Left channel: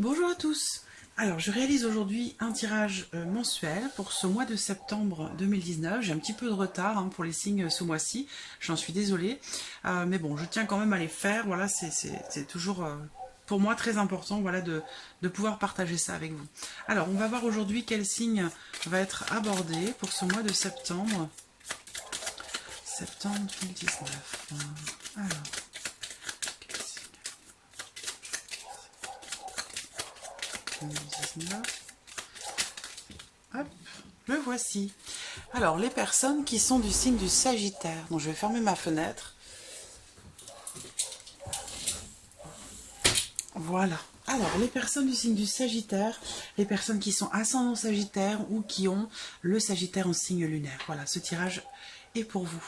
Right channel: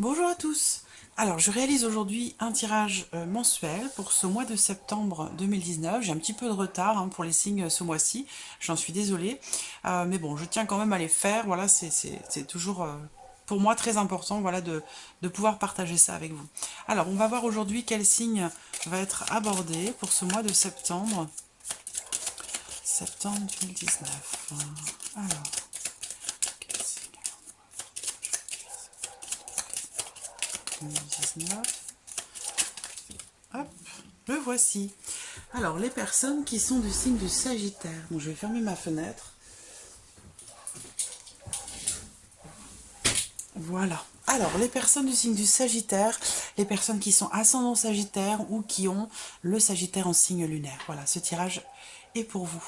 Bonjour à tous. Alors, je réalise aujourd'hui un tirage mensuel pour ce mois de septembre 2019. J'ai un petit peu de retard pour les signes ce mois-ci. J'en suis désolée. Mais bon, je tiens quand même à les faire. Voilà, c'est toujours pour moi très important voilà, de pouvoir partager ça avec vous. Alors, on va voir aujourd'hui quel signe va être abordé pour ce mois de septembre. Septembre 2019. Alors, quel signe 2019. Hop, le voici. Alors, les personnes qui sont du signe du Sagittaire. Donc, je vais fermer ma fenêtre. Voilà. Alors, les personnes du signe du Sagittaire, les personnes qui sont ascendant Sagittaire ou qui ont le Sagittaire en signe lunaire. Voilà, ce tirage est pour vous.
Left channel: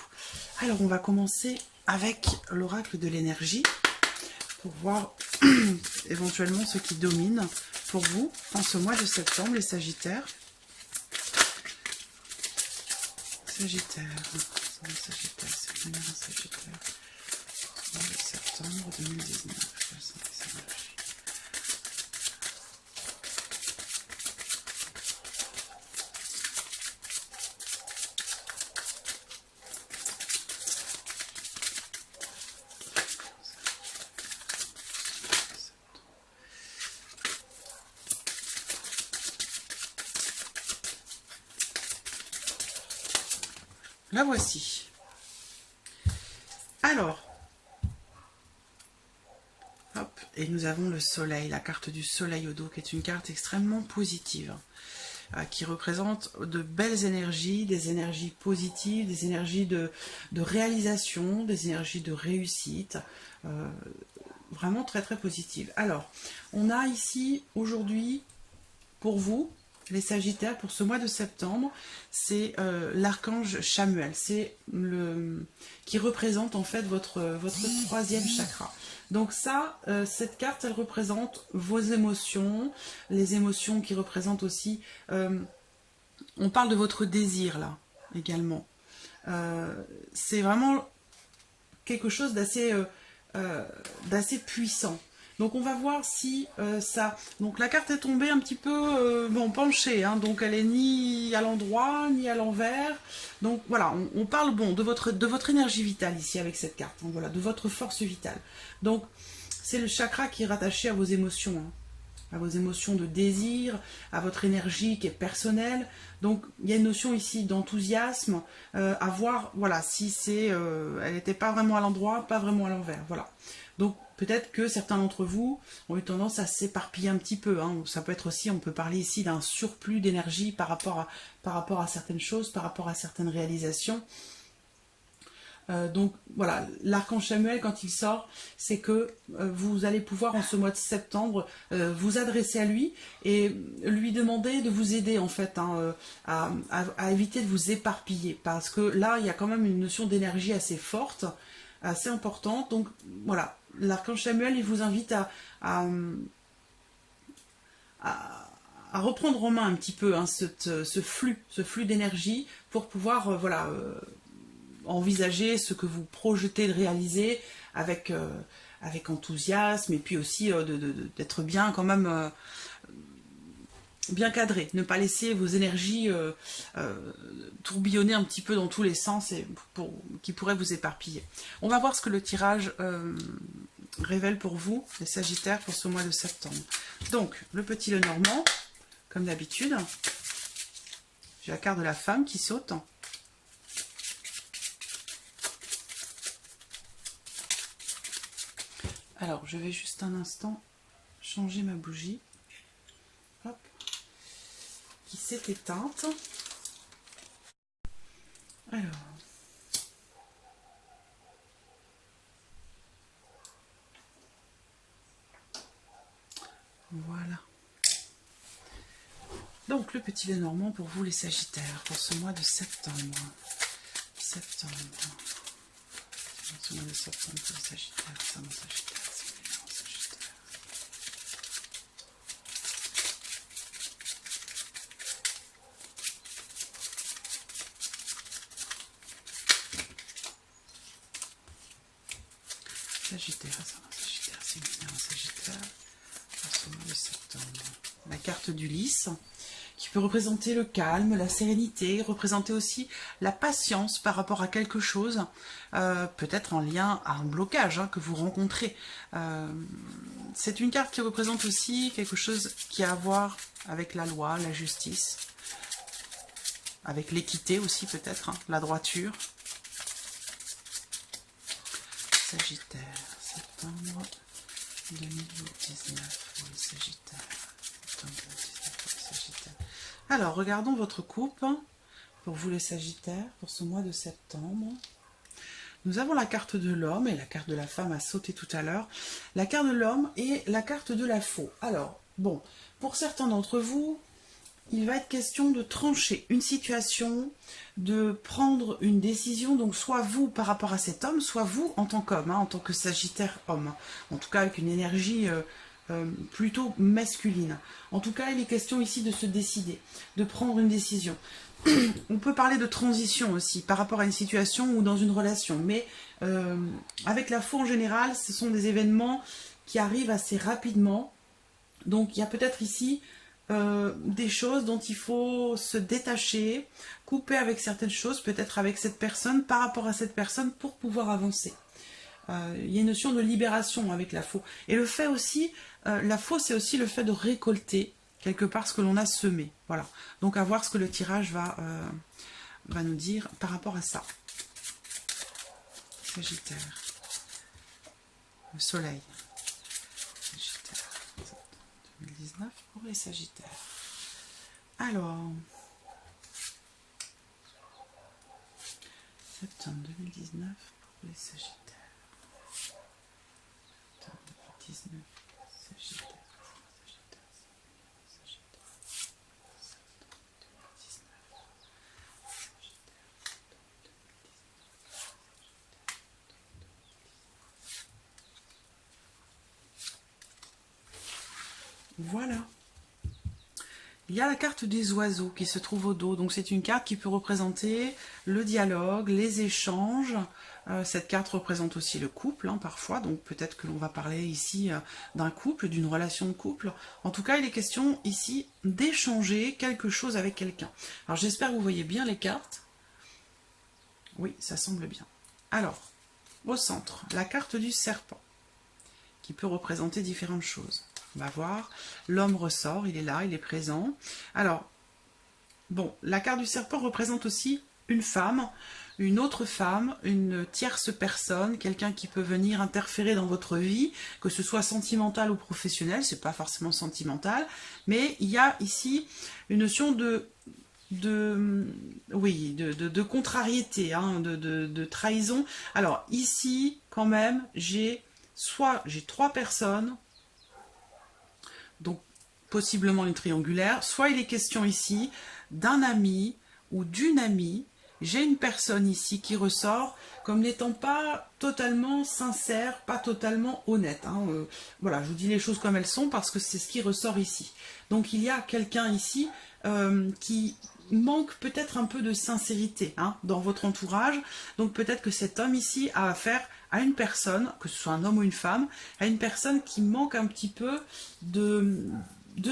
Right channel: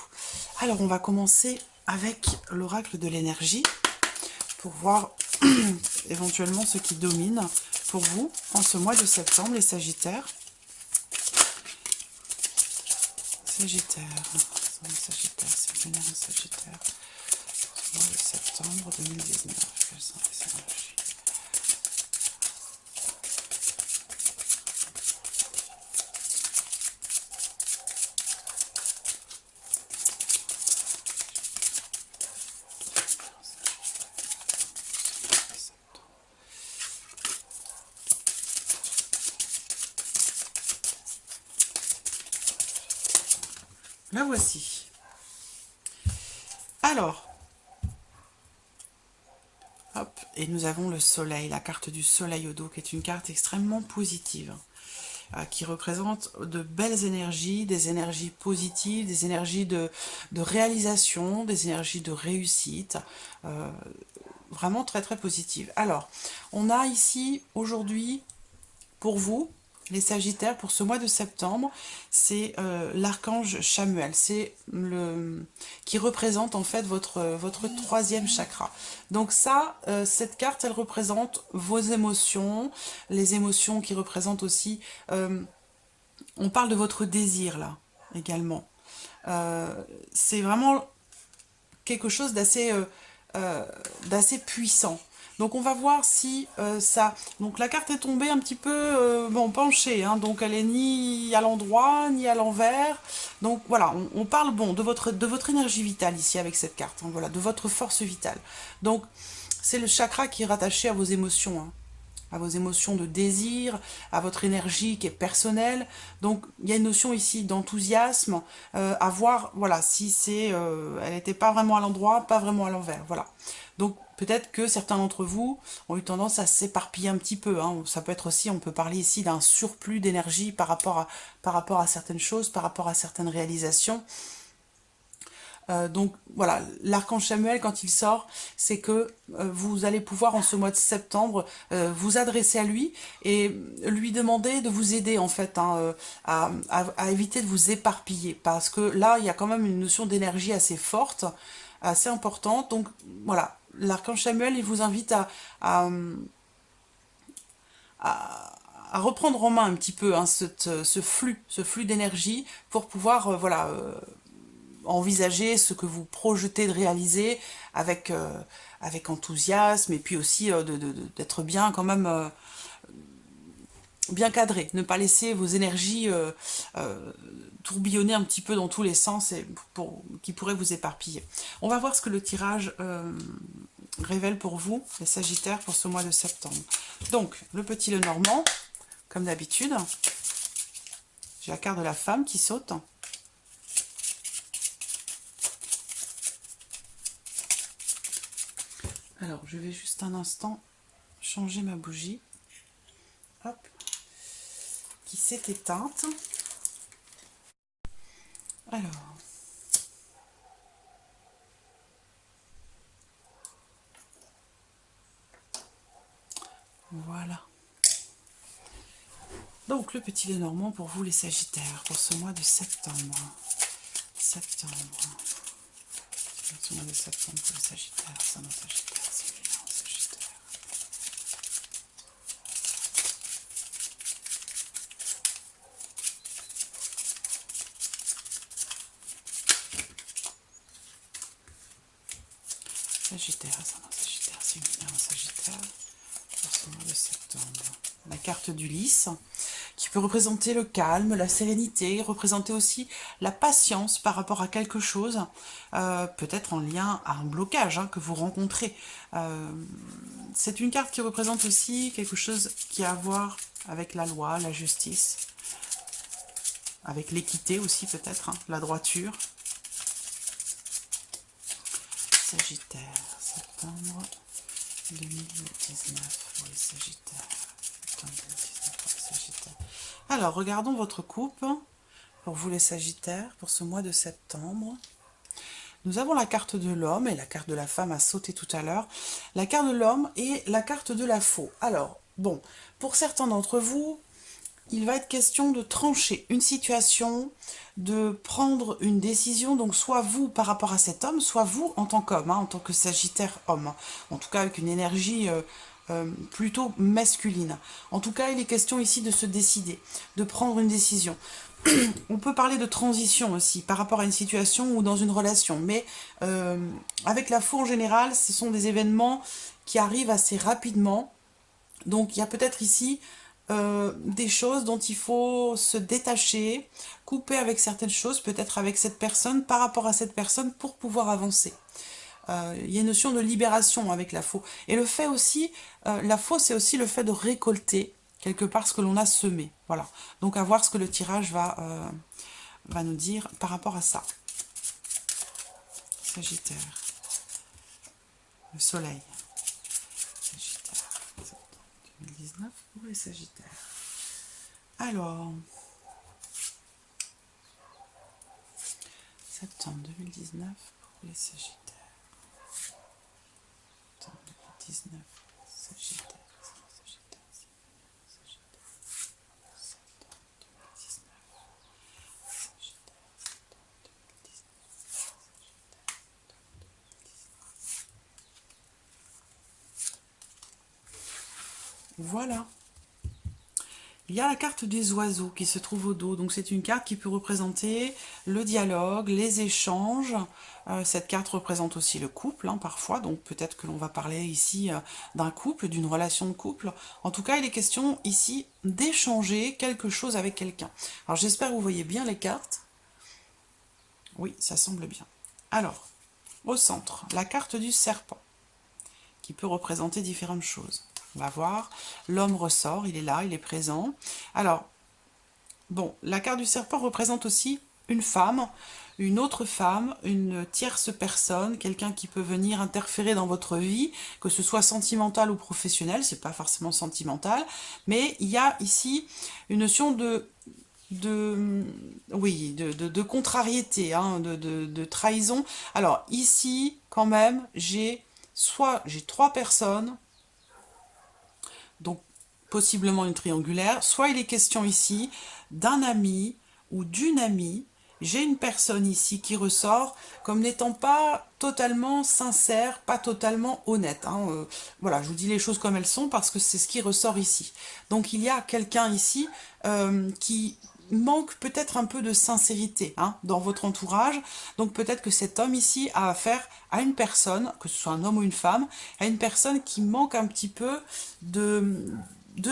Alors, on va commencer avec l'oracle de l'énergie pour voir éventuellement ce qui domine pour vous en ce mois de septembre, les Sagittaires. Sagittaire, Sagittaire, c'est lunaire en Sagittaire. Mois de septembre 2019. Quelles sont les énergies? La voici. Alors, hop, et nous avons le soleil, la carte du soleil au dos, qui est une carte extrêmement positive, qui représente de belles énergies, des énergies positives, des énergies de réalisation, des énergies de réussite, vraiment très très positives. Alors, on a ici aujourd'hui, pour vous, les Sagittaires, pour ce mois de septembre, c'est l'archange Chamuel, c'est le qui représente en fait votre troisième chakra. Donc ça, cette carte, elle représente vos émotions, les émotions qui représentent aussi, on parle de votre désir là, également. C'est vraiment quelque chose d'assez puissant. Donc on va voir si ça... Donc la carte est tombée un petit peu bon, penchée, donc elle est ni à l'endroit, ni à l'envers. Donc voilà, on parle bon de votre énergie vitale ici avec cette carte, voilà, de votre force vitale. Donc c'est le chakra qui est rattaché à vos émotions, à vos émotions de désir, à votre énergie qui est personnelle. Donc il y a une notion ici d'enthousiasme, à voir voilà, si elle n'était pas vraiment à l'endroit, pas vraiment à l'envers. Voilà. Donc peut-être que certains d'entre vous ont eu tendance à s'éparpiller un petit peu. Ça peut être aussi, on peut parler ici d'un surplus d'énergie par rapport à certaines choses, par rapport à certaines réalisations. Donc voilà, l'archange Samuel, quand il sort, c'est que vous allez pouvoir en ce mois de septembre vous adresser à lui et lui demander de vous aider en fait à éviter de vous éparpiller. Parce que là, il y a quand même une notion d'énergie assez forte, assez importante. Donc voilà, l'archange Samuel, il vous invite à, à reprendre en main un petit peu ce flux d'énergie pour pouvoir envisager ce que vous projetez de réaliser avec, avec enthousiasme et puis aussi d'être bien quand même bien cadré, ne pas laisser vos énergies tourbillonner un petit peu dans tous les sens et qui pourraient vous éparpiller. On va voir ce que le tirage révèle pour vous, les Sagittaires, pour ce mois de septembre. Donc, le petit Lenormand, comme d'habitude, j'ai la carte de la femme qui saute. Alors, je vais juste un instant changer ma bougie. Hop. Qui s'est éteinte. Alors. Voilà. Donc, le petit Lenormand pour vous, les Sagittaires, pour ce mois de septembre. Septembre. Ce mois de septembre pour les Sagittaires. Ça, mon Sagittaire, c'est bien, Sagittaire. Sagittaire, ça, mon Sagittaire, c'est bien, Sagittaire. Pour ce mois de septembre. La carte du lys, qui peut représenter le calme, la sérénité, représenter aussi la patience par rapport à quelque chose, peut-être en lien à un blocage que vous rencontrez. C'est une carte qui représente aussi quelque chose qui a à voir avec la loi, la justice, avec l'équité aussi peut-être, la droiture. Sagittaire, septembre 2019 pour les Sagittaires. Septembre 2019 pour les Sagittaires. Alors, regardons votre couple pour vous les Sagittaires pour ce mois de septembre. Nous avons la carte de l'homme et la carte de la femme a sauté tout à l'heure. La carte de l'homme et la carte de la faux. Alors, bon, pour certains d'entre vous, il va être question de trancher une situation, de prendre une décision, donc soit vous par rapport à cet homme, soit vous en tant qu'homme, en tant que Sagittaire homme. En tout cas avec une énergie plutôt masculine. En tout cas, il est question ici de se décider, de prendre une décision. On peut parler de transition aussi par rapport à une situation ou dans une relation, mais avec la faux en général, ce sont des événements qui arrivent assez rapidement. Donc il y a peut-être ici des choses dont il faut se détacher, couper avec certaines choses, peut-être avec cette personne, par rapport à cette personne pour pouvoir avancer. Il y a une notion de libération avec la faux. Et le fait aussi, la faux c'est aussi le fait de récolter quelque part ce que l'on a semé. Voilà. Donc à voir ce que le tirage va nous dire par rapport à ça. Sagittaire. Le soleil. Sagittaire. 2019 pour les Sagittaires. Alors, septembre 2019 pour les Sagittaires. Septembre 2019 pour les Sagittaires. Voilà. Il y a la carte des oiseaux qui se trouve au dos. Donc c'est une carte qui peut représenter le dialogue, les échanges. Cette carte représente aussi le couple, parfois. Donc peut-être que l'on va parler ici d'un couple, d'une relation de couple. En tout cas, il est question ici d'échanger quelque chose avec quelqu'un. Alors j'espère que vous voyez bien les cartes. Oui, ça semble bien. Alors, au centre, la carte du serpent, qui peut représenter différentes choses. On va voir, l'homme ressort, il est là, il est présent. Alors, bon, la carte du serpent représente aussi une femme, une autre femme, une tierce personne, quelqu'un qui peut venir interférer dans votre vie, que ce soit sentimental ou professionnel, c'est pas forcément sentimental, mais il y a ici une notion de contrariété, de trahison. Alors ici, quand même, j'ai trois personnes, donc possiblement une triangulaire, soit il est question ici d'un ami ou d'une amie. J'ai une personne ici qui ressort comme n'étant pas totalement sincère, pas totalement honnête. Voilà, je vous dis les choses comme elles sont parce que c'est ce qui ressort ici. Donc il y a quelqu'un ici qui manque peut-être un peu de sincérité dans votre entourage. Donc peut-être que cet homme ici a affaire à une personne, que ce soit un homme ou une femme, à une personne qui manque un petit peu de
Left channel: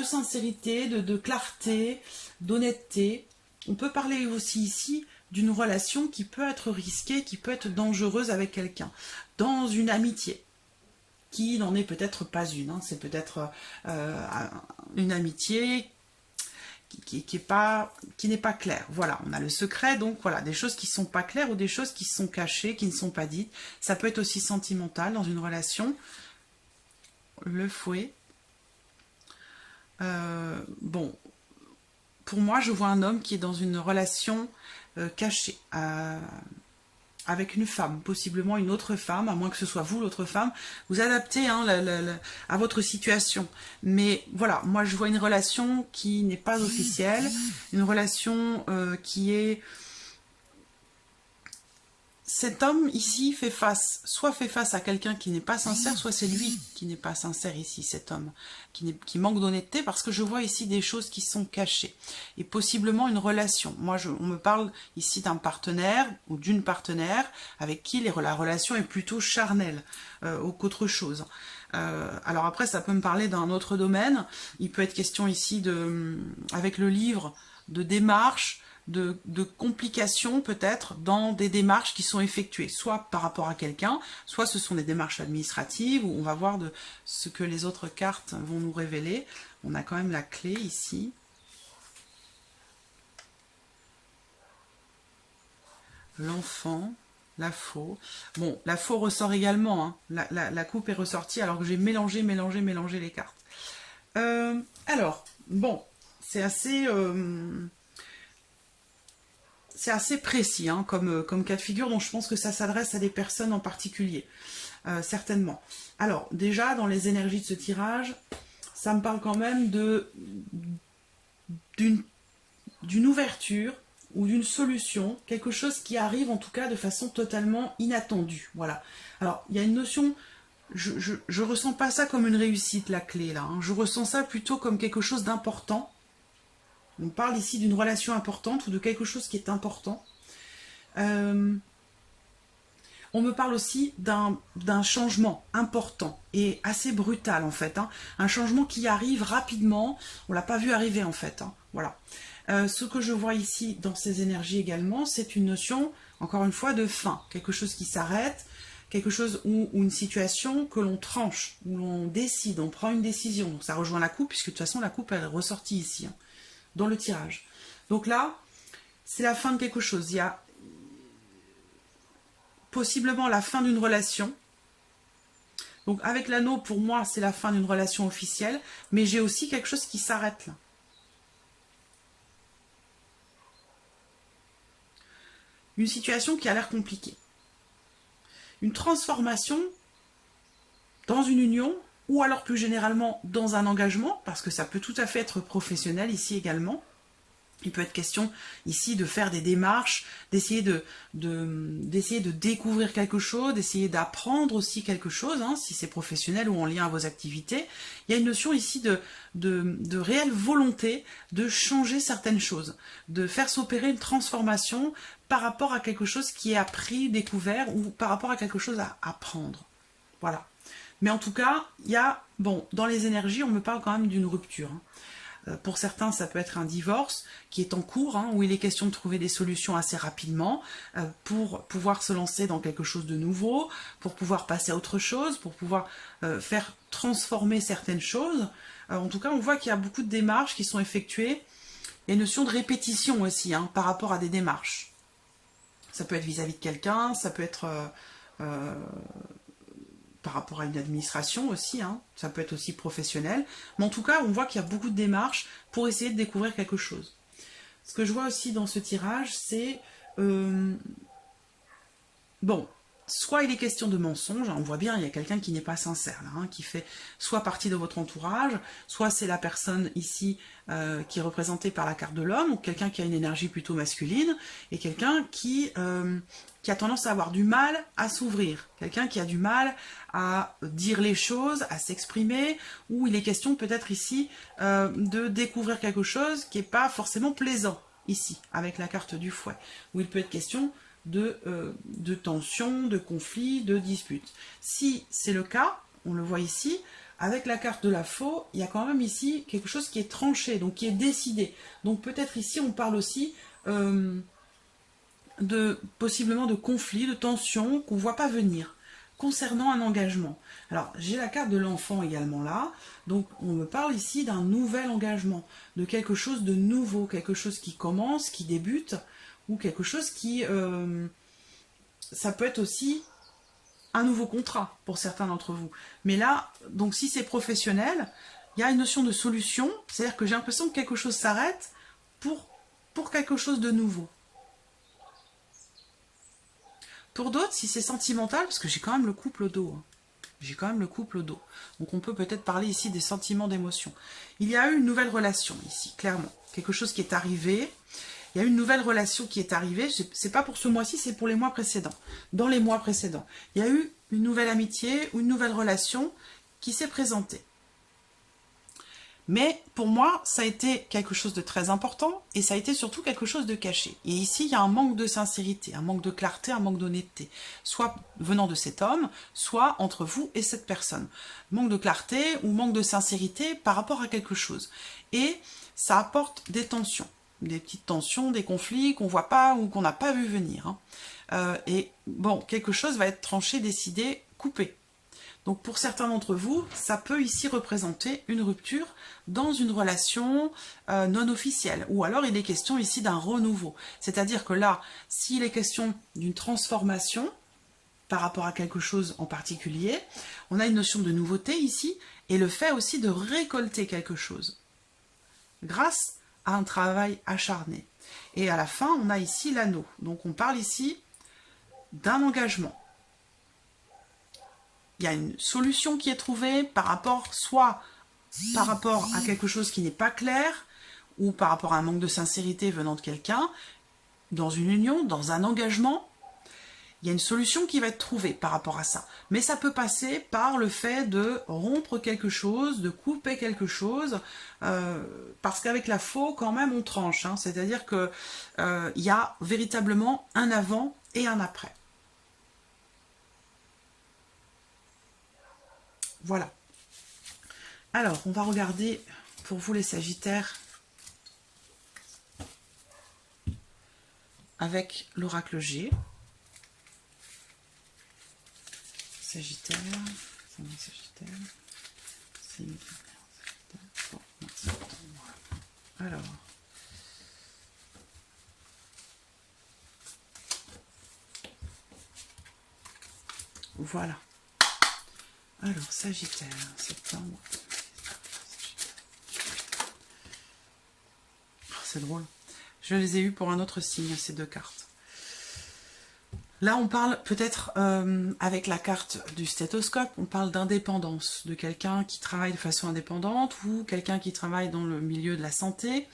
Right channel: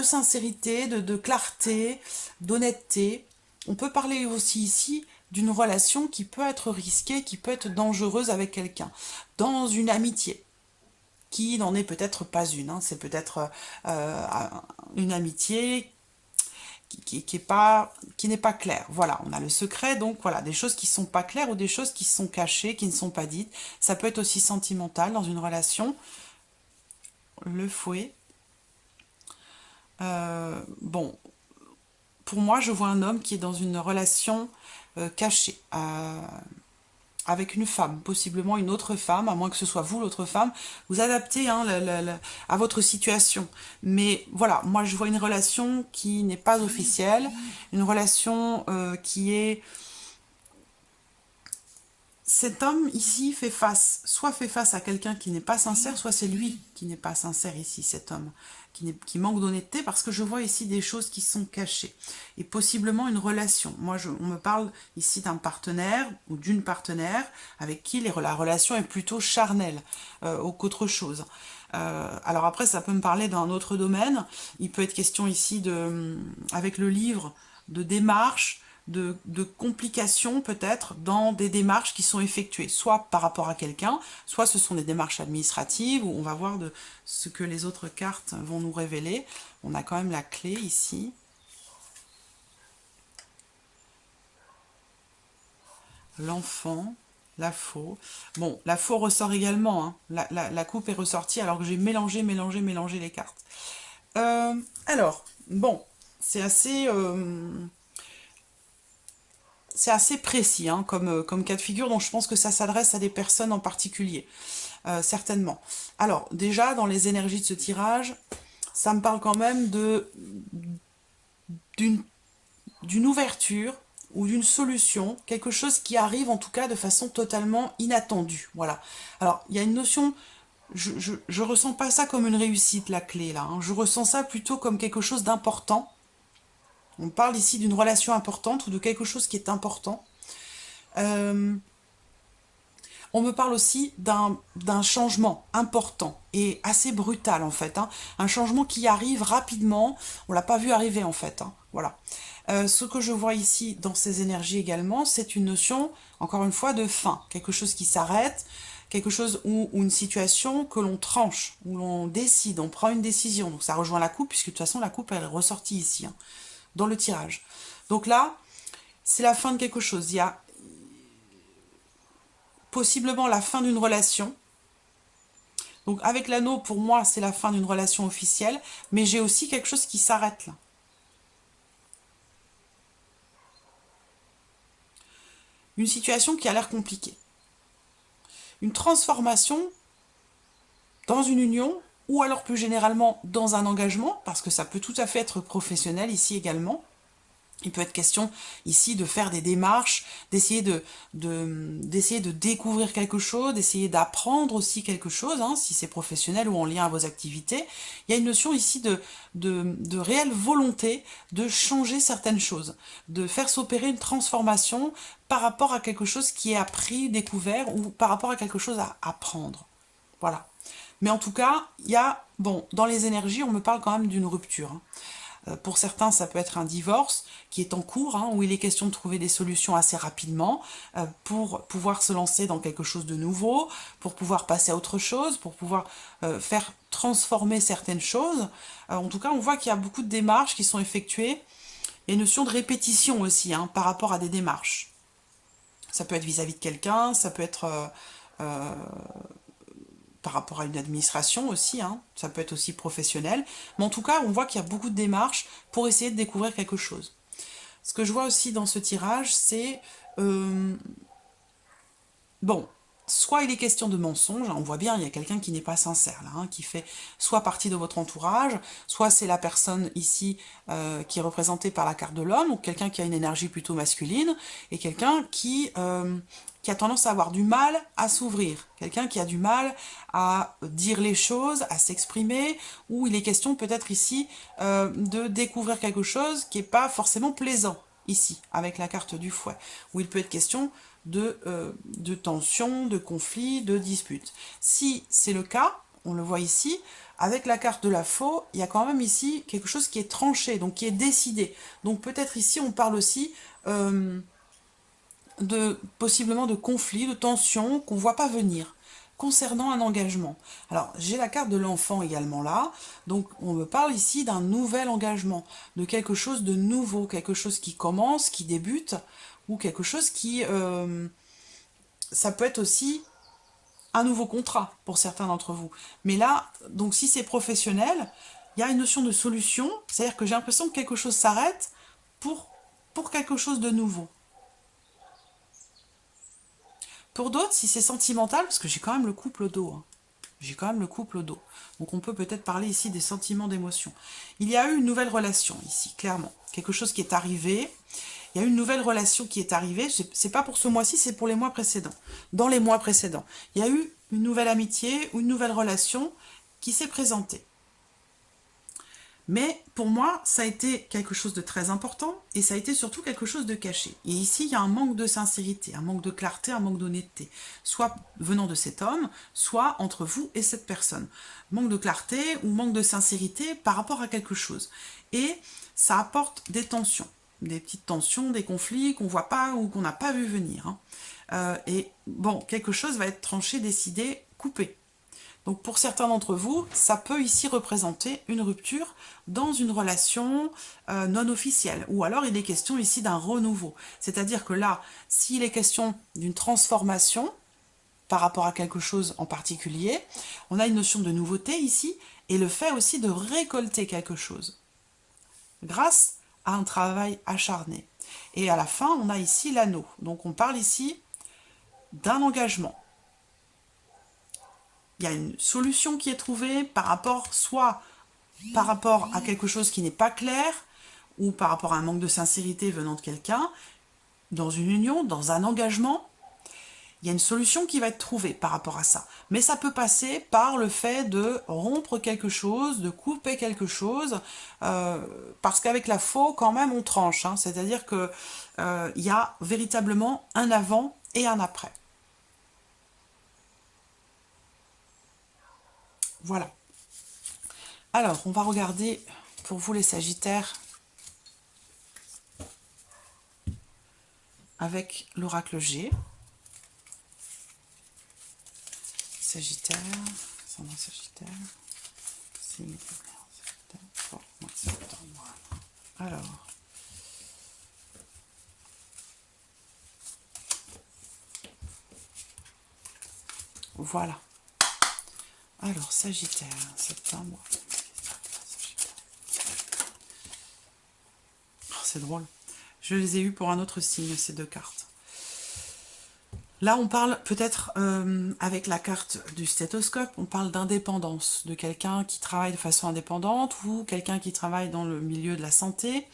sincérité, de clarté, d'honnêteté. On peut parler aussi ici d'une relation qui peut être risquée, qui peut être dangereuse avec quelqu'un, dans une amitié, qui n'en est peut-être pas une. C'est peut-être une amitié qui n'est pas claire. Voilà, on a le secret, donc voilà, des choses qui ne sont pas claires ou des choses qui sont cachées, qui ne sont pas dites. Ça peut être aussi sentimental dans une relation. Le fouet. Bon, pour moi, je vois un homme qui est dans une relation cachée, avec une femme, possiblement une autre femme, à moins que ce soit vous l'autre femme. Vous adaptez à votre situation. Mais voilà, moi je vois une relation qui n'est pas officielle, une relation qui est cet homme ici soit fait face à quelqu'un qui n'est pas sincère, soit c'est lui qui n'est pas sincère ici, cet homme, qui manque d'honnêteté, parce que je vois ici des choses qui sont cachées, et possiblement une relation. Moi, on me parle ici d'un partenaire ou d'une partenaire avec qui la relation est plutôt charnelle qu'autre chose. Alors après, ça peut me parler d'un autre domaine. Il peut être question ici, avec le livre, de démarche, de complications peut-être dans des démarches qui sont effectuées, soit par rapport à quelqu'un, soit ce sont des démarches administratives, où on va voir de ce que les autres cartes vont nous révéler. On a quand même la clé ici. L'enfant, la faux. Bon, la faux ressort également, hein. La coupe est ressortie alors que j'ai mélangé les cartes. Alors, bon, c'est assez précis hein, comme cas de figure, donc je pense que ça s'adresse à des personnes en particulier, certainement. Alors, déjà, dans les énergies de ce tirage, ça me parle quand même d'une ouverture ou d'une solution, quelque chose qui arrive en tout cas de façon totalement inattendue. Voilà. Alors, il y a une notion, je ressens pas ça comme une réussite, la clé, là. Hein. Je ressens ça plutôt comme quelque chose d'important. On parle ici d'une relation importante ou de quelque chose qui est important. On me parle aussi d'un changement important et assez brutal en fait. Hein. Un changement qui arrive rapidement. On ne l'a pas vu arriver en fait. Hein. Voilà. Ce que je vois ici dans ces énergies également, c'est une notion, encore une fois, de fin. Quelque chose qui s'arrête, quelque chose ou une situation que l'on tranche, où l'on décide, on prend une décision. Donc ça rejoint la coupe, puisque de toute façon la coupe elle est ressortie ici, hein, dans le tirage. Donc là, c'est la fin de quelque chose. Il y a possiblement la fin d'une relation. Donc avec l'anneau, pour moi, c'est la fin d'une relation officielle, mais j'ai aussi quelque chose qui s'arrête là. Une situation qui a l'air compliquée. Une transformation dans une union, ou alors plus généralement dans un engagement, parce que ça peut tout à fait être professionnel ici également. Il peut être question ici de faire des démarches, d'essayer de découvrir quelque chose, d'essayer d'apprendre aussi quelque chose, hein, si c'est professionnel ou en lien à vos activités. Il y a une notion ici de réelle volonté de changer certaines choses, de faire s'opérer une transformation par rapport à quelque chose qui est appris, découvert, ou par rapport à quelque chose à apprendre. Voilà. Mais en tout cas, il y a, bon, dans les énergies, on me parle quand même d'une rupture. Hein. Pour certains, ça peut être un divorce qui est en cours, hein, où il est question de trouver des solutions assez rapidement pour pouvoir se lancer dans quelque chose de nouveau, pour pouvoir passer à autre chose, pour pouvoir faire transformer certaines choses. En tout cas, on voit qu'il y a beaucoup de démarches qui sont effectuées. Il y a une notion de répétition aussi hein, par rapport à des démarches. Ça peut être vis-à-vis de quelqu'un, ça peut être par rapport à une administration aussi, hein. Ça peut être aussi professionnel. Mais en tout cas, on voit qu'il y a beaucoup de démarches pour essayer de découvrir quelque chose. Ce que je vois aussi dans ce tirage, c'est... bon, soit il est question de mensonge, hein, on voit bien, il y a quelqu'un qui n'est pas sincère, là, hein, qui fait soit partie de votre entourage, soit c'est la personne ici qui est représentée par la carte de l'homme, ou quelqu'un qui a une énergie plutôt masculine, et quelqu'un qui a tendance à avoir du mal à s'ouvrir, quelqu'un qui a du mal à dire les choses, à s'exprimer, ou il est question peut-être ici de découvrir quelque chose qui n'est pas forcément plaisant, ici, avec la carte du fouet, où il peut être question de tensions, de conflits, de disputes. Si c'est le cas, on le voit ici, avec la carte de la faux, il y a quand même ici quelque chose qui est tranché, donc qui est décidé. Donc peut-être ici on parle aussi possiblement de conflits, de tensions qu'on ne voit pas venir concernant un engagement. Alors, j'ai la carte de l'enfant également là, donc on me parle ici d'un nouvel engagement, de quelque chose de nouveau, quelque chose qui commence, qui débute, ou quelque chose qui... ça peut être aussi un nouveau contrat pour certains d'entre vous. Mais là, donc si c'est professionnel, il y a une notion de solution, c'est-à-dire que j'ai l'impression que quelque chose s'arrête pour quelque chose de nouveau. Pour d'autres, si c'est sentimental, parce que j'ai quand même le couple au dos, hein. J'ai quand même le couple au dos. Donc on peut peut-être parler ici des sentiments d'émotion. Il y a eu une nouvelle relation ici, clairement. Quelque chose qui est arrivé. Il Il y a une nouvelle relation qui est arrivée. C'est pas pour ce mois-ci, c'est pour les mois précédents. Dans les mois précédents, il y a eu une nouvelle amitié ou une nouvelle relation qui s'est présentée. Mais pour moi, ça a été quelque chose de très important et ça a été surtout quelque chose de caché. Et ici, il y a un manque de sincérité, un manque de clarté, un manque d'honnêteté, soit venant de cet homme, soit entre vous et cette personne. Manque de clarté ou manque de sincérité par rapport à quelque chose. Et ça apporte des tensions, des petites tensions, des conflits qu'on ne voit pas ou qu'on n'a pas vu venir. Et bon, quelque chose va être tranché, décidé, coupé. Donc pour certains d'entre vous, ça peut ici représenter une rupture dans une relation non officielle. Ou alors il est question ici d'un renouveau. C'est-à-dire que là, s'il est question d'une transformation par rapport à quelque chose en particulier, on a une notion de nouveauté ici et le fait aussi de récolter quelque chose grâce à un travail acharné. Et à la fin, on a ici l'anneau. Donc on parle ici d'un engagement. Il y a une solution qui est trouvée par rapport, soit par rapport à quelque chose qui n'est pas clair, ou par rapport à un manque de sincérité venant de quelqu'un, dans une union, dans un engagement. Il y a une solution qui va être trouvée par rapport à ça. Mais ça peut passer par le fait de rompre quelque chose, de couper quelque chose, parce qu'avec la faux, quand même, on tranche. Hein. C'est-à-dire qu'il y a véritablement un avant et un après. Voilà. Alors, on va regarder pour vous les Sagittaires avec l'oracle G. Sagittaire, Sagittaire, alors, voilà. Alors, Sagittaire, septembre. C'est drôle. Je les ai eus pour un autre signe, ces deux cartes. Là, on parle peut-être, avec la carte du stéthoscope, on parle d'indépendance, de quelqu'un qui travaille de façon indépendante ou quelqu'un qui travaille dans le milieu de la santé.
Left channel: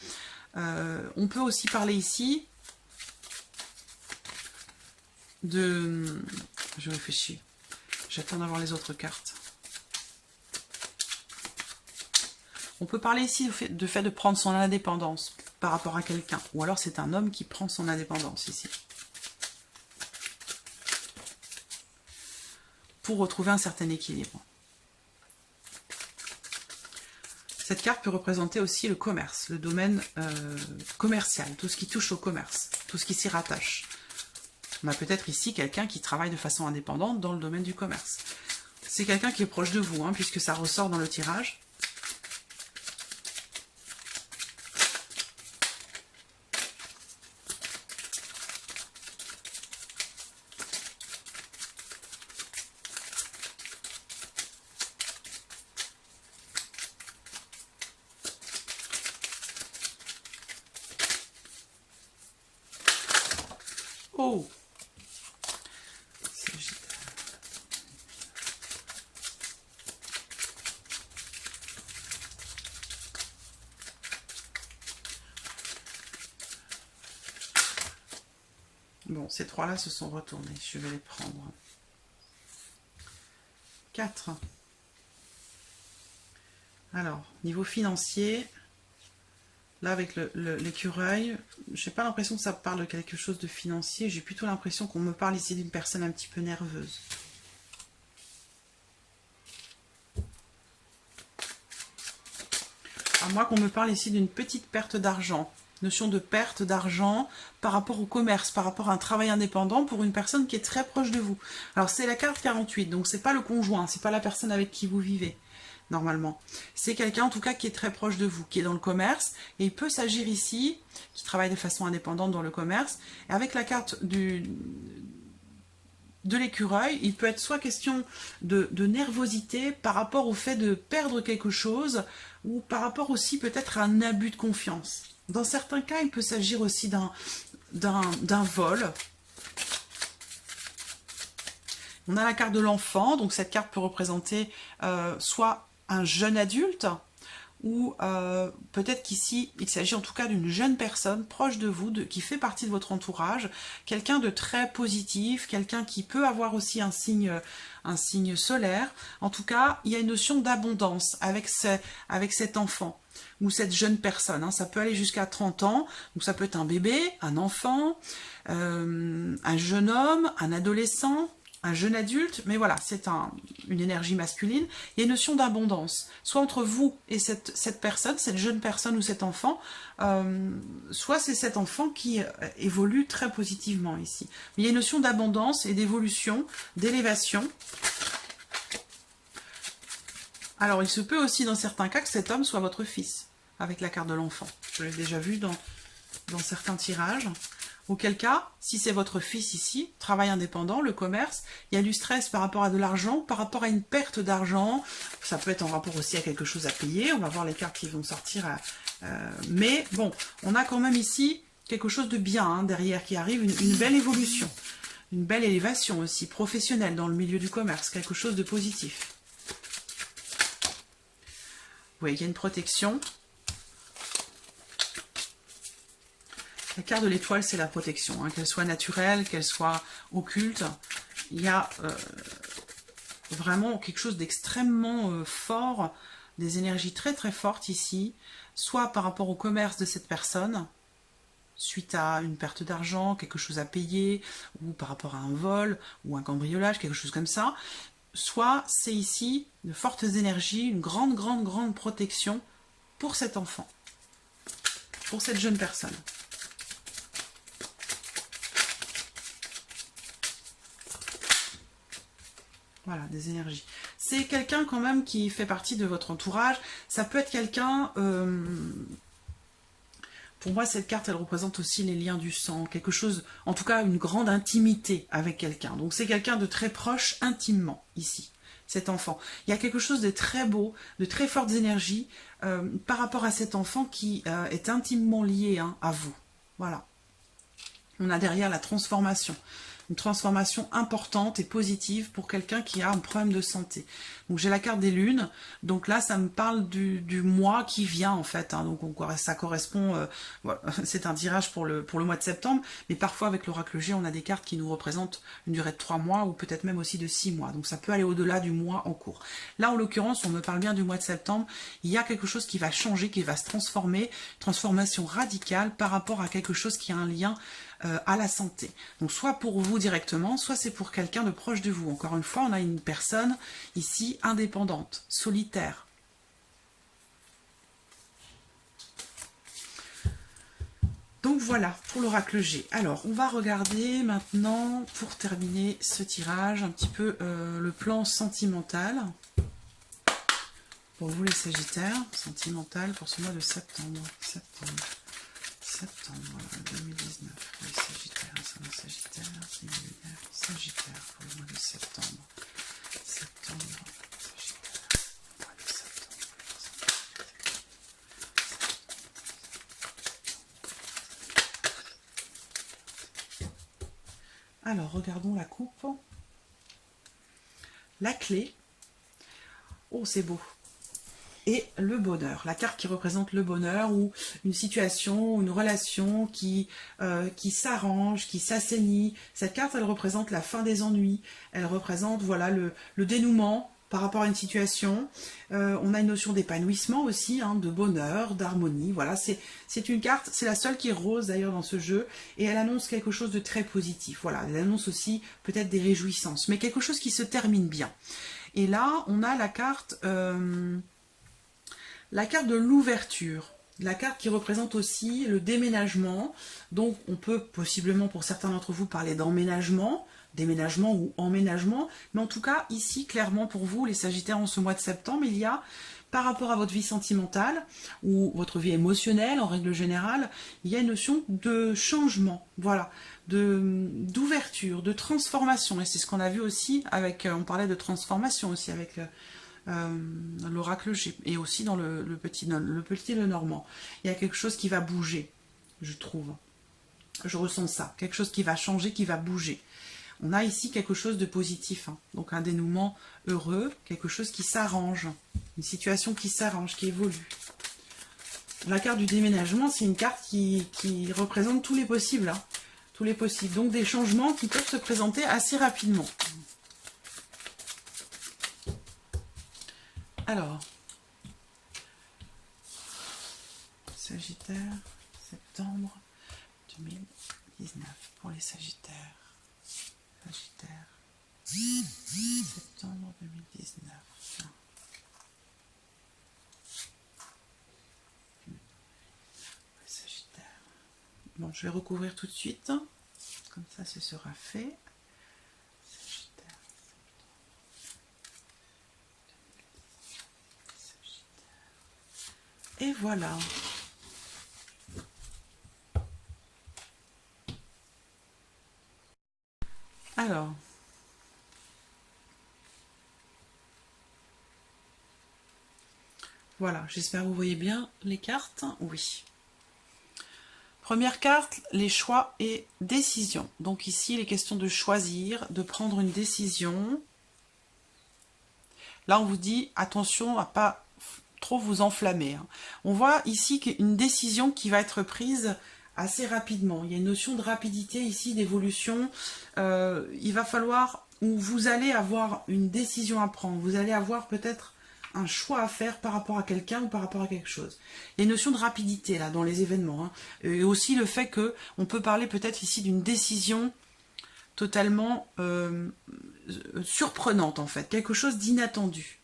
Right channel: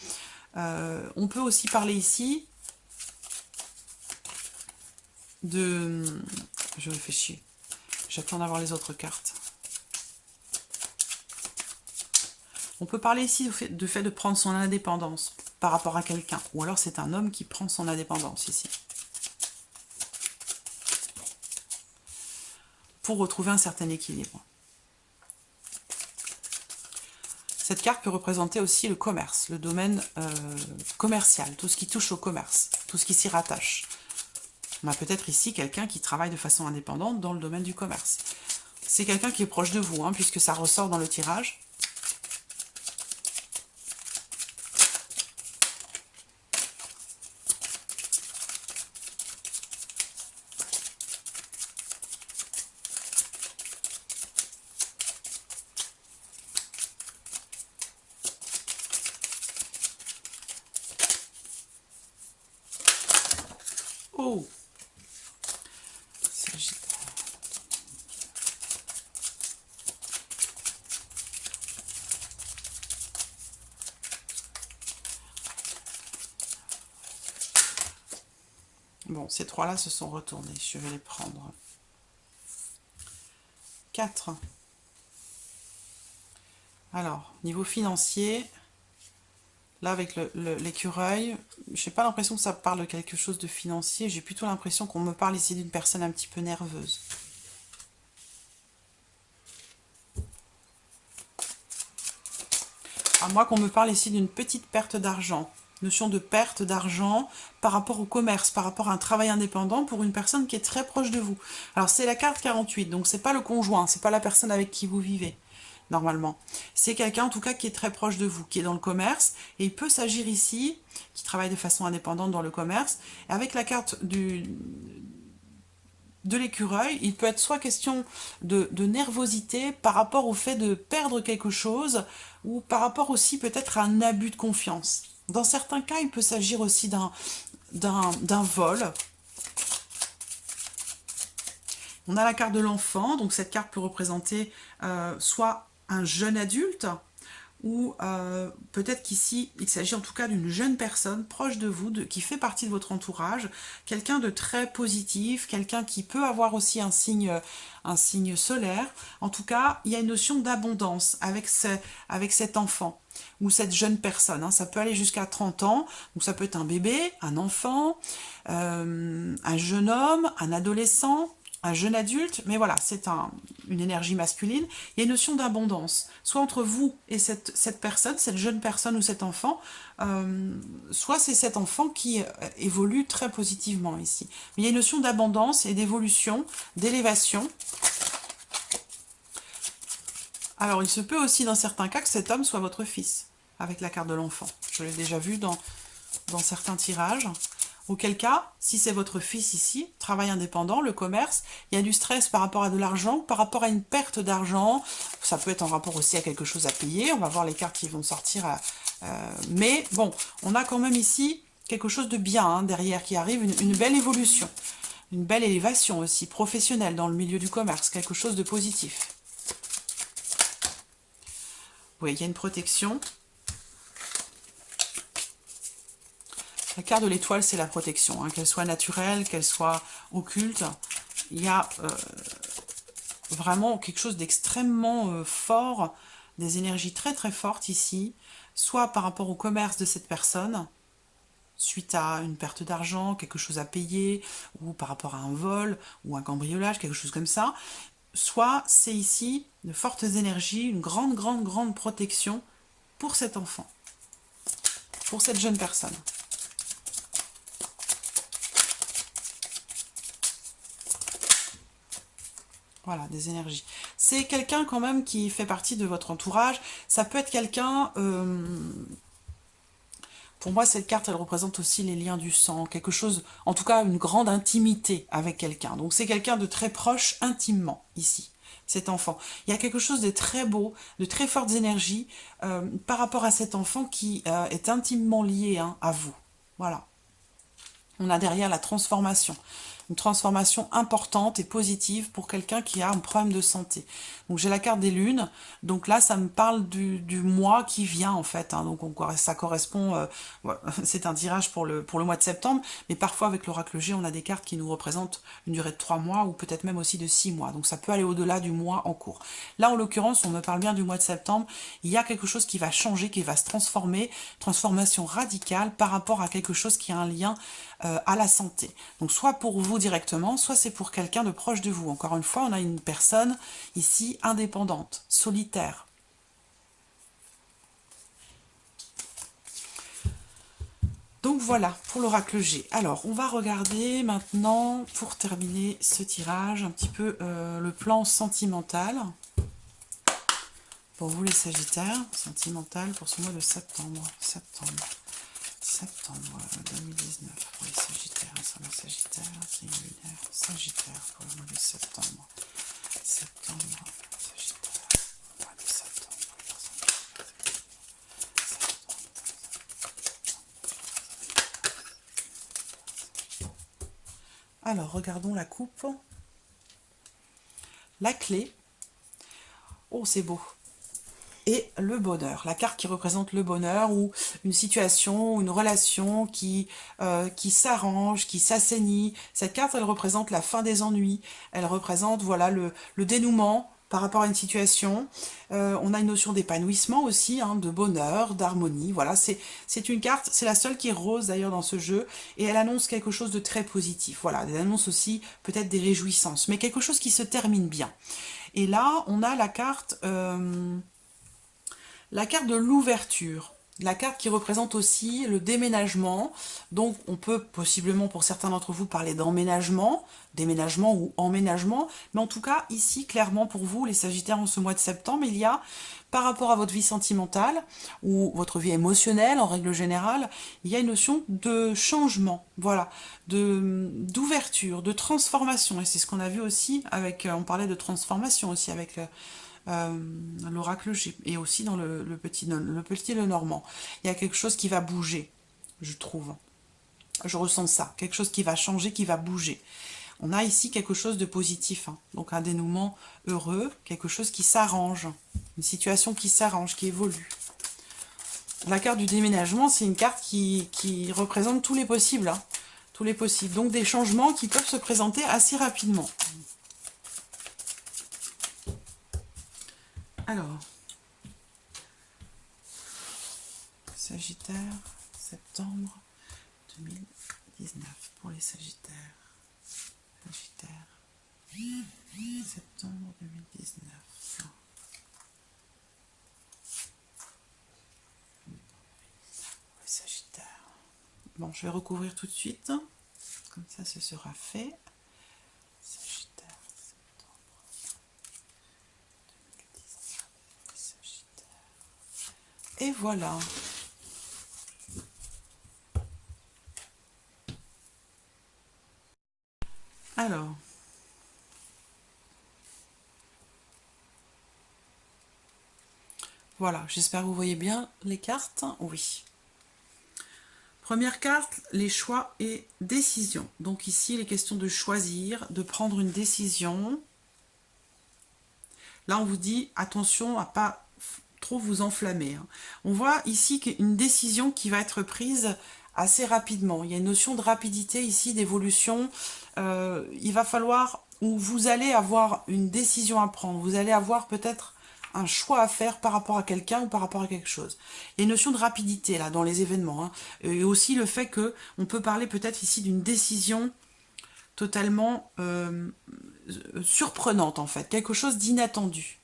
On peut aussi parler ici de... Je réfléchis. J'attends d'avoir les autres cartes. On peut parler ici du fait de prendre son indépendance par rapport à quelqu'un. Ou alors c'est un homme qui prend son indépendance ici. Pour retrouver un certain équilibre. Cette carte peut représenter aussi le commerce, le domaine commercial, tout ce qui touche au commerce, tout ce qui s'y rattache. On a peut-être ici quelqu'un qui travaille de façon indépendante dans le domaine du commerce. C'est quelqu'un qui est proche de vous, hein, puisque ça ressort dans le tirage. Oh! Bon, ces trois-là se sont retournés. Je vais les prendre. 4. Alors, niveau financier, là avec l'écureuil, je n'ai pas l'impression que ça parle de quelque chose de financier. J'ai plutôt l'impression qu'on me parle ici d'une personne un petit peu nerveuse. À moins qu'on me parle ici d'une petite perte d'argent. Notion de perte d'argent par rapport au commerce, par rapport à un travail indépendant pour une personne qui est très proche de vous. Alors c'est la carte 48, donc c'est pas le conjoint, c'est pas la personne avec qui vous vivez, normalement. C'est quelqu'un en tout cas qui est très proche de vous, qui est dans le commerce, et il peut s'agir ici, qui travaille de façon indépendante dans le commerce, et avec la carte de l'écureuil, il peut être soit question de nervosité par rapport au fait de perdre quelque chose, ou par rapport aussi peut-être à un abus de confiance. Dans certains cas, il peut s'agir aussi d'un vol. On a la carte de l'enfant, donc cette carte peut représenter soit un jeune adulte, ou peut-être qu'ici, il s'agit en tout cas d'une jeune personne proche de vous, qui fait partie de votre entourage, quelqu'un de très positif, quelqu'un qui peut avoir aussi un signe solaire. En tout cas, il y a une notion d'abondance avec cet enfant ou cette jeune personne. Hein. Ça peut aller jusqu'à 30 ans, donc ça peut être un bébé, un enfant, un jeune homme, un adolescent, un jeune adulte, mais voilà, c'est une énergie masculine. Il y a une notion d'abondance, soit entre vous et cette personne, cette jeune personne ou cet enfant, soit c'est cet enfant qui évolue très positivement ici. Mais il y a une notion d'abondance et d'évolution, d'élévation. Alors, il se peut aussi dans certains cas que cet homme soit votre fils, avec la carte de l'enfant. Je l'ai déjà vu dans certains tirages. Auquel cas, si c'est votre fils ici, travail indépendant, le commerce, il y a du stress par rapport à de l'argent, par rapport à une perte d'argent. Ça peut être en rapport aussi à quelque chose à payer. On va voir les cartes qui vont sortir. Mais bon, on a quand même ici quelque chose de bien hein, derrière qui arrive, une belle évolution. Une belle élévation aussi, professionnelle dans le milieu du commerce, quelque chose de positif. Vous voyez, il y a une protection. La carte de l'étoile, c'est la protection, hein, qu'elle soit naturelle, qu'elle soit occulte. Il y a vraiment quelque chose d'extrêmement fort, des énergies très très fortes ici, soit par rapport au commerce de cette personne, suite à une perte d'argent, quelque chose à payer, ou par rapport à un vol, ou un cambriolage, quelque chose comme ça, soit c'est ici de fortes énergies, une grande, grande, grande protection pour cet enfant, pour cette jeune personne. Voilà, des énergies. C'est quelqu'un quand même qui fait partie de votre entourage. Ça peut être quelqu'un... pour moi, cette carte, elle représente aussi les liens du sang. Quelque chose, en tout cas, une grande intimité avec quelqu'un. Donc, c'est quelqu'un de très proche, intimement, ici, cet enfant. Il y a quelque chose de très beau, de très fortes énergies par rapport à cet enfant qui est intimement lié hein, à vous. Voilà. On a derrière la transformation. Une transformation importante et positive pour quelqu'un qui a un problème de santé. Donc j'ai la carte des lunes, donc là ça me parle du mois qui vient en fait, hein. Donc ça correspond, c'est un tirage pour le mois de septembre, mais parfois avec l'oracle G on a des cartes qui nous représentent une durée de 3 mois ou peut-être même aussi de 6 mois, donc ça peut aller au-delà du mois en cours. Là en l'occurrence on me parle bien du mois de septembre, il y a quelque chose qui va changer, qui va se transformer, transformation radicale par rapport à quelque chose qui a un lien à la santé. Donc soit pour vous directement, soit c'est pour quelqu'un de proche de vous. Encore une fois, on a une personne ici indépendante, solitaire. Donc voilà pour l'oracle G. Alors on va regarder maintenant, pour terminer ce tirage, un petit peu le plan sentimental. Pour vous les Sagittaires, sentimental pour ce mois de septembre. Septembre 2019 pour les Sagittaires, Sagittaire, c'est une lumière Sagittaire pour le mois de septembre. Sagittaire, mois de septembre. Alors, regardons la coupe. La clé. Oh, c'est beau. Et le bonheur, la carte qui représente le bonheur ou une situation, une relation qui s'arrange, qui s'assainit. Cette carte, elle représente la fin des ennuis, elle représente voilà le dénouement par rapport à une situation. On a une notion d'épanouissement aussi, hein, de bonheur, d'harmonie. Voilà, c'est une carte, c'est la seule qui est rose d'ailleurs dans ce jeu, et elle annonce quelque chose de très positif. Voilà, elle annonce aussi peut-être des réjouissances, mais quelque chose qui se termine bien. Et là, on a la carte... la carte de l'ouverture, la carte qui représente aussi le déménagement. Donc on peut possiblement pour certains d'entre vous parler d'emménagement, déménagement ou emménagement. Mais en tout cas ici clairement pour vous les Sagittaires en ce mois de septembre, il y a par rapport à votre vie sentimentale ou votre vie émotionnelle en règle générale, il y a une notion de changement, voilà, d'ouverture, de transformation. Et c'est ce qu'on a vu aussi avec, on parlait de transformation aussi avec... l'oracle G et aussi dans le petit Lenormand. Il y a quelque chose qui va bouger, je trouve. Je ressens ça. Quelque chose qui va changer, qui va bouger. On a ici quelque chose de positif, hein. Donc un dénouement heureux, quelque chose qui s'arrange, une situation qui s'arrange, qui évolue. La carte du déménagement, c'est une carte qui représente tous les possibles. Hein. Tous les possibles. Donc des changements qui peuvent se présenter assez rapidement. Alors, Sagittaire, septembre 2019 pour les Sagittaires. Sagittaire, septembre 2019. Sagittaire. Bon, je vais recouvrir tout de suite. Comme ça, ce sera fait. Sagittaire, septembre 2019. Sagittaire. Et voilà. Alors, voilà, j'espère que vous voyez bien les cartes. Oui. Première carte, les choix et décisions. Donc ici, il est question de choisir, de prendre une décision. Là, on vous dit, attention à pas trop vous enflammer. Hein. On voit ici qu'une décision qui va être prise assez rapidement. Il y a une notion de rapidité ici, d'évolution. Il va falloir, ou vous allez avoir une décision à prendre. Vous allez avoir peut-être un choix à faire par rapport à quelqu'un ou par rapport à quelque chose. Il y a une notion de rapidité là dans les événements. Hein. Et aussi le fait que on peut parler peut-être ici d'une décision totalement surprenante en fait. Quelque chose d'inattendu.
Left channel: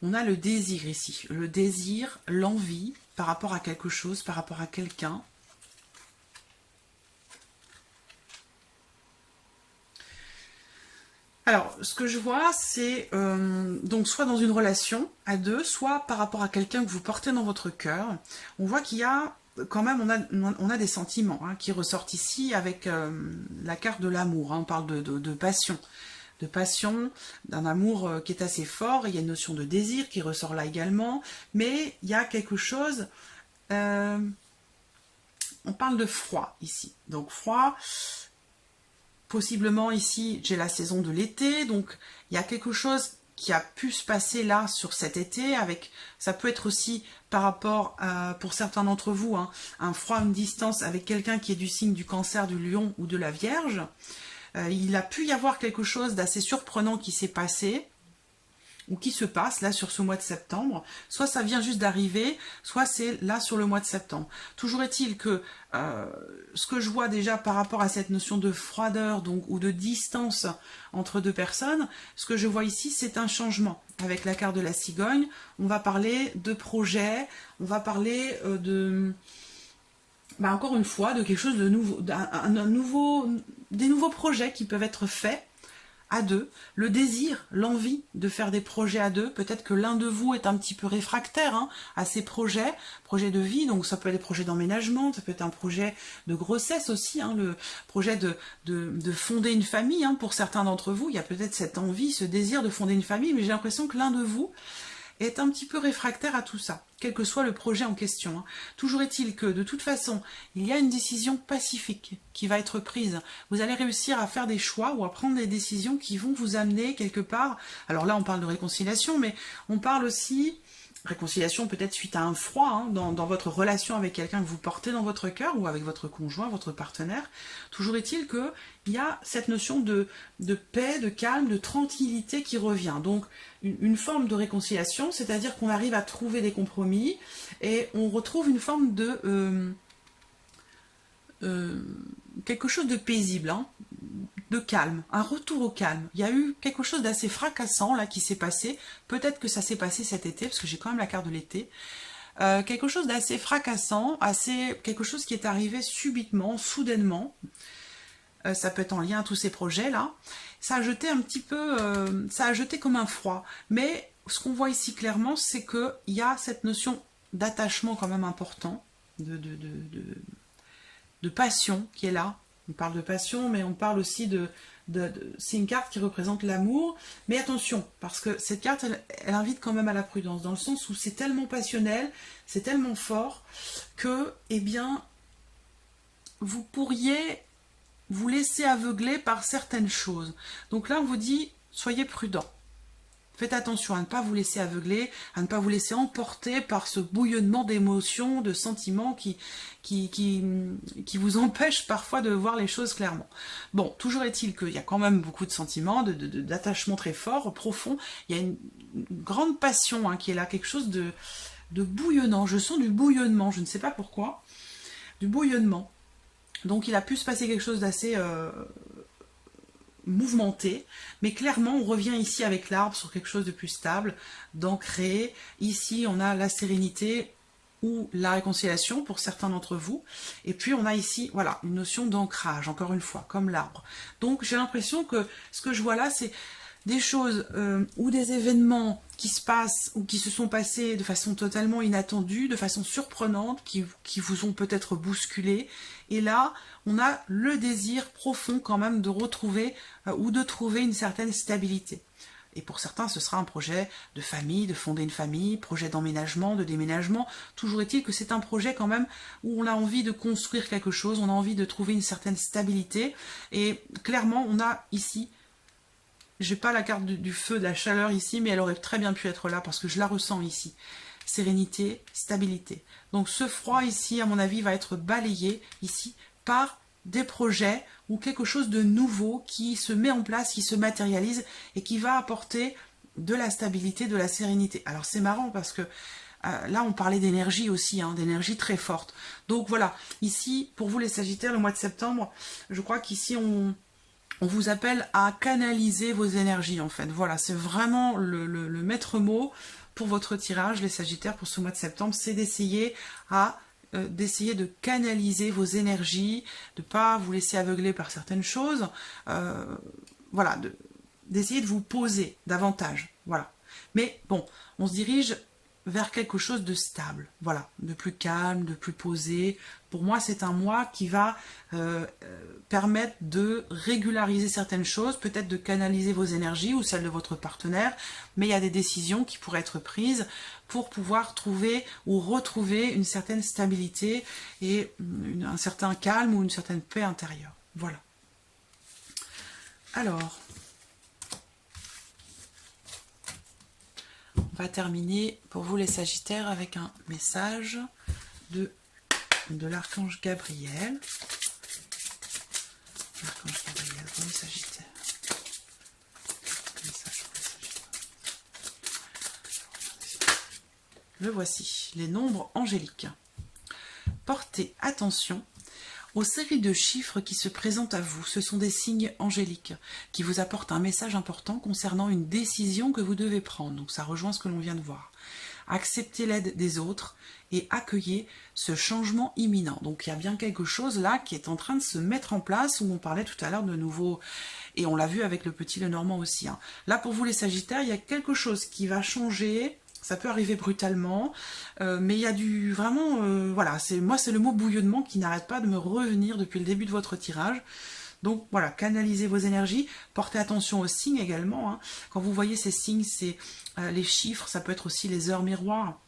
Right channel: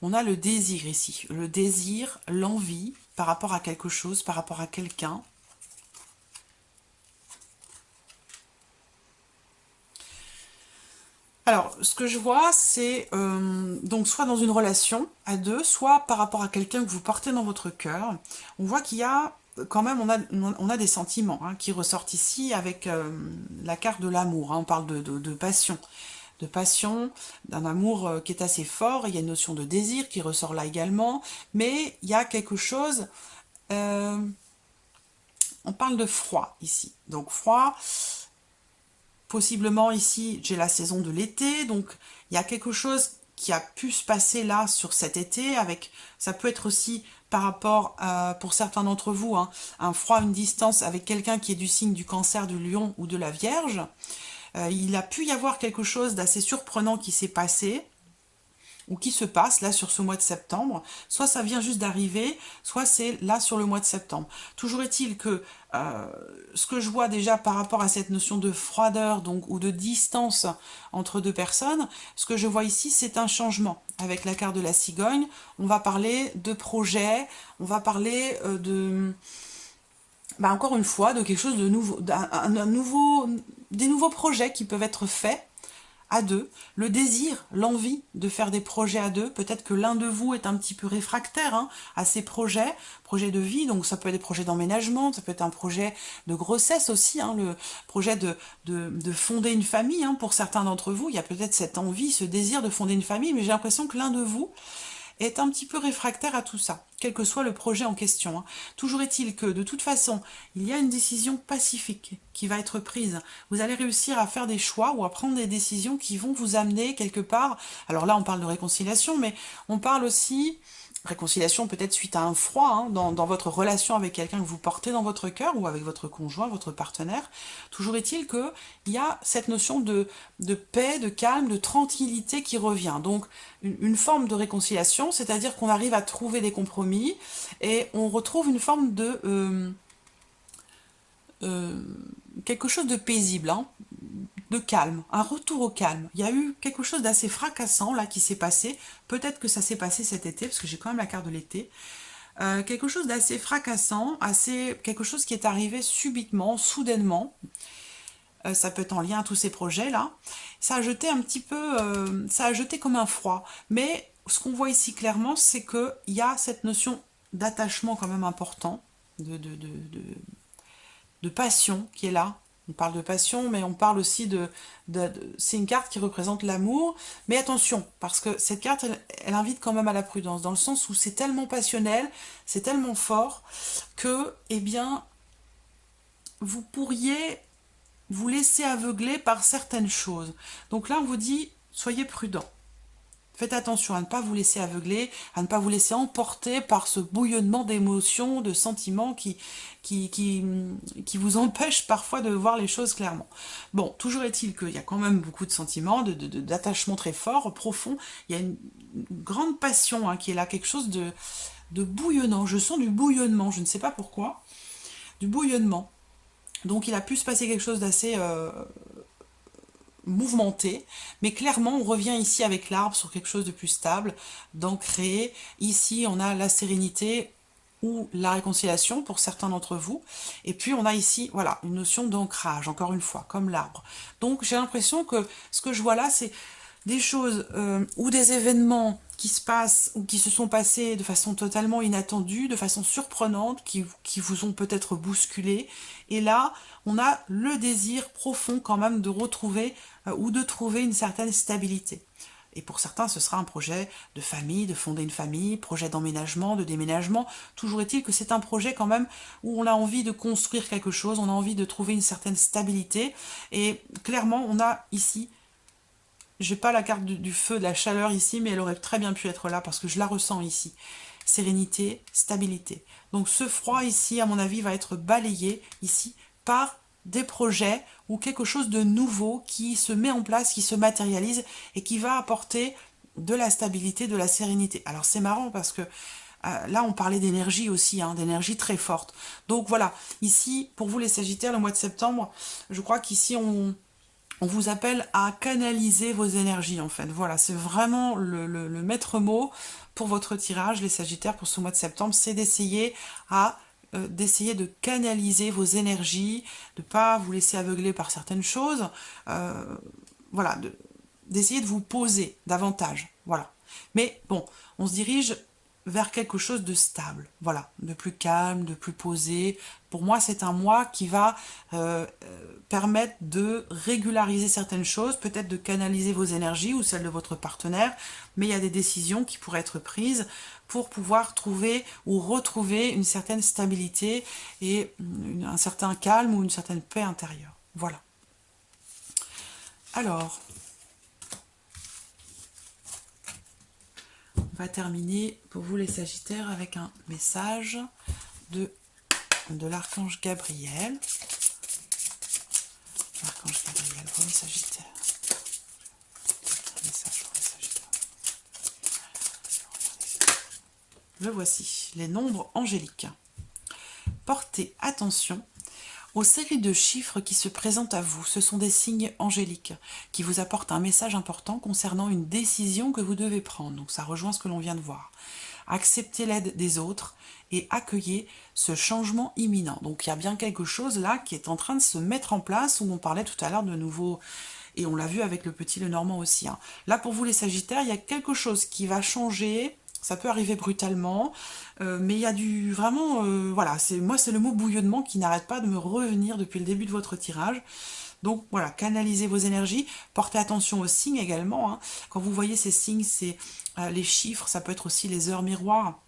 On a le désir ici. Le désir, l'envie par rapport à quelque chose, par rapport à quelqu'un. Alors, ce que je vois, c'est donc soit dans une relation à deux, soit par rapport à quelqu'un que vous portez dans votre cœur. On voit qu'il y a quand même, on a des sentiments hein, qui ressortent ici avec la carte de l'amour. Hein, on parle de passion. De passion, d'un amour qui est assez fort. Il y a une notion de désir qui ressort là également. Mais il y a quelque chose... on parle de froid ici. Donc froid... Possiblement ici, j'ai la saison de l'été, donc il y a quelque chose qui a pu se passer là sur cet été, avec ça peut être aussi par rapport, pour certains d'entre vous, hein, un froid, une distance avec quelqu'un qui est du signe du Cancer, du Lion ou de la Vierge. Il a pu y avoir quelque chose d'assez surprenant qui s'est passé, ou qui se passe là sur ce mois de septembre, soit ça vient juste d'arriver, soit c'est là sur le mois de septembre. Toujours est-il que ce que je vois déjà par rapport à cette notion de froideur donc ou de distance entre deux personnes, ce que je vois ici c'est un changement. Avec la carte de la cigogne, on va parler de projet, on va parler encore une fois de quelque chose de nouveau, des nouveaux projets qui peuvent être faits à deux, le désir, l'envie de faire des projets à deux. Peut-être que l'un de vous est un petit peu réfractaire hein, à ces projets de vie, donc ça peut être des projets d'emménagement, ça peut être un projet de grossesse aussi, hein, le projet de fonder une famille. Hein, pour certains d'entre vous, il y a peut-être cette envie, ce désir de fonder une famille, mais j'ai l'impression que l'un de vous est un petit peu réfractaire à tout ça, quel que soit le projet en question. Hein. Toujours est-il que, de toute façon, il y a une décision pacifique qui va être prise. Vous allez réussir à faire des choix ou à prendre des décisions qui vont vous amener quelque part. Alors là, on parle de réconciliation, mais on parle aussi... Réconciliation peut-être suite à un froid hein, dans votre relation avec quelqu'un que vous portez dans votre cœur ou avec votre conjoint, votre partenaire. Toujours est-il qu'il y a cette notion de paix, de calme, de tranquillité qui revient. Donc une forme de réconciliation, c'est-à-dire qu'on arrive à trouver des compromis et on retrouve une forme de... quelque chose de paisible, hein, de calme, un retour au calme. Il y a eu quelque chose d'assez fracassant là qui s'est passé, peut-être que ça s'est passé cet été, parce que j'ai quand même la carte de l'été, quelque chose d'assez fracassant, quelque chose qui est arrivé subitement, soudainement, ça peut être en lien à tous ces projets là, ça a jeté un petit peu, ça a jeté comme un froid, mais ce qu'on voit ici clairement, c'est qu'il y a cette notion d'attachement quand même important, de passion qui est là. On parle de passion, mais on parle aussi c'est une carte qui représente l'amour. Mais attention, parce que cette carte, elle invite quand même à la prudence, dans le sens où c'est tellement passionnel, c'est tellement fort, que, eh bien, vous pourriez vous laisser aveugler par certaines choses. Donc là, on vous dit, soyez prudent. Faites attention à ne pas vous laisser aveugler, à ne pas vous laisser emporter par ce bouillonnement d'émotions, de sentiments qui vous empêchent parfois de voir les choses clairement. Bon, toujours est-il qu'il y a quand même beaucoup de sentiments, d'attachements très forts, profonds. Il y a une grande passion qui est là, quelque chose de bouillonnant. Je sens du bouillonnement, je ne sais pas pourquoi. Du bouillonnement. Donc il a pu se passer quelque chose d'assez mouvementé, mais clairement on revient ici avec l'arbre sur quelque chose de plus stable, d'ancré. Ici on a la sérénité ou la réconciliation pour certains d'entre vous, et puis on a ici voilà une notion d'ancrage, encore une fois, comme l'arbre. Donc j'ai l'impression que ce que je vois là, c'est des choses ou des événements qui se passent ou qui se sont passés de façon totalement inattendue, de façon surprenante, qui vous ont peut-être bousculé. Et là, on a le désir profond quand même de retrouver ou de trouver une certaine stabilité. Et pour certains, ce sera un projet de famille, de fonder une famille, projet d'emménagement, de déménagement. Toujours est-il que c'est un projet quand même où on a envie de construire quelque chose, on a envie de trouver une certaine stabilité. Et clairement, on a ici, j'ai pas la carte du feu, de la chaleur ici, mais elle aurait très bien pu être là parce que je la ressens ici. Sérénité, stabilité. Donc ce froid ici, à mon avis, va être balayé ici par des projets ou quelque chose de nouveau qui se met en place, qui se matérialise et qui va apporter de la stabilité, de la sérénité. Alors c'est marrant parce que là on parlait d'énergie aussi, d'énergie très forte. Donc voilà, ici pour vous les Sagittaires, le mois de septembre, je crois qu'ici on vous appelle à canaliser vos énergies en fait. Voilà, c'est vraiment le maître mot pour votre tirage, les Sagittaires, pour ce mois de septembre, c'est d'essayer de canaliser vos énergies, de ne pas vous laisser aveugler par certaines choses, voilà, d'essayer de vous poser davantage, voilà. Mais bon, on se dirige vers quelque chose de stable, voilà, de plus calme, de plus posé. Pour moi, c'est un mois qui va permettre de régulariser certaines choses, peut-être de canaliser vos énergies ou celles de votre partenaire, mais il y a des décisions qui pourraient être prises pour pouvoir trouver ou retrouver une certaine stabilité et un certain calme ou une certaine paix intérieure. Voilà. Alors, on va terminer pour vous les Sagittaires avec un message de l'archange Gabriel. L'archange Gabriel pour les Sagittaires. Un message pour les Sagittaires. Le voici, les nombres angéliques. Portez attention aux séries de chiffres qui se présentent à vous. Ce sont des signes angéliques qui vous apportent un message important concernant une décision que vous devez prendre. Donc ça rejoint ce que l'on vient de voir. Acceptez l'aide des autres et accueillez ce changement imminent. Donc il y a bien quelque chose là qui est en train de se mettre en place, où on parlait tout à l'heure de nouveaux, et on l'a vu avec le petit Lenormand aussi. Là pour vous les Sagittaires, il y a quelque chose qui va changer. Ça peut arriver brutalement, mais il y a du vraiment, voilà, moi c'est le mot bouillonnement qui n'arrête pas de me revenir depuis le début de votre tirage. Donc voilà, canalisez vos énergies, portez attention aux signes également. Quand vous voyez ces signes, c'est les chiffres, ça peut être aussi les heures miroirs,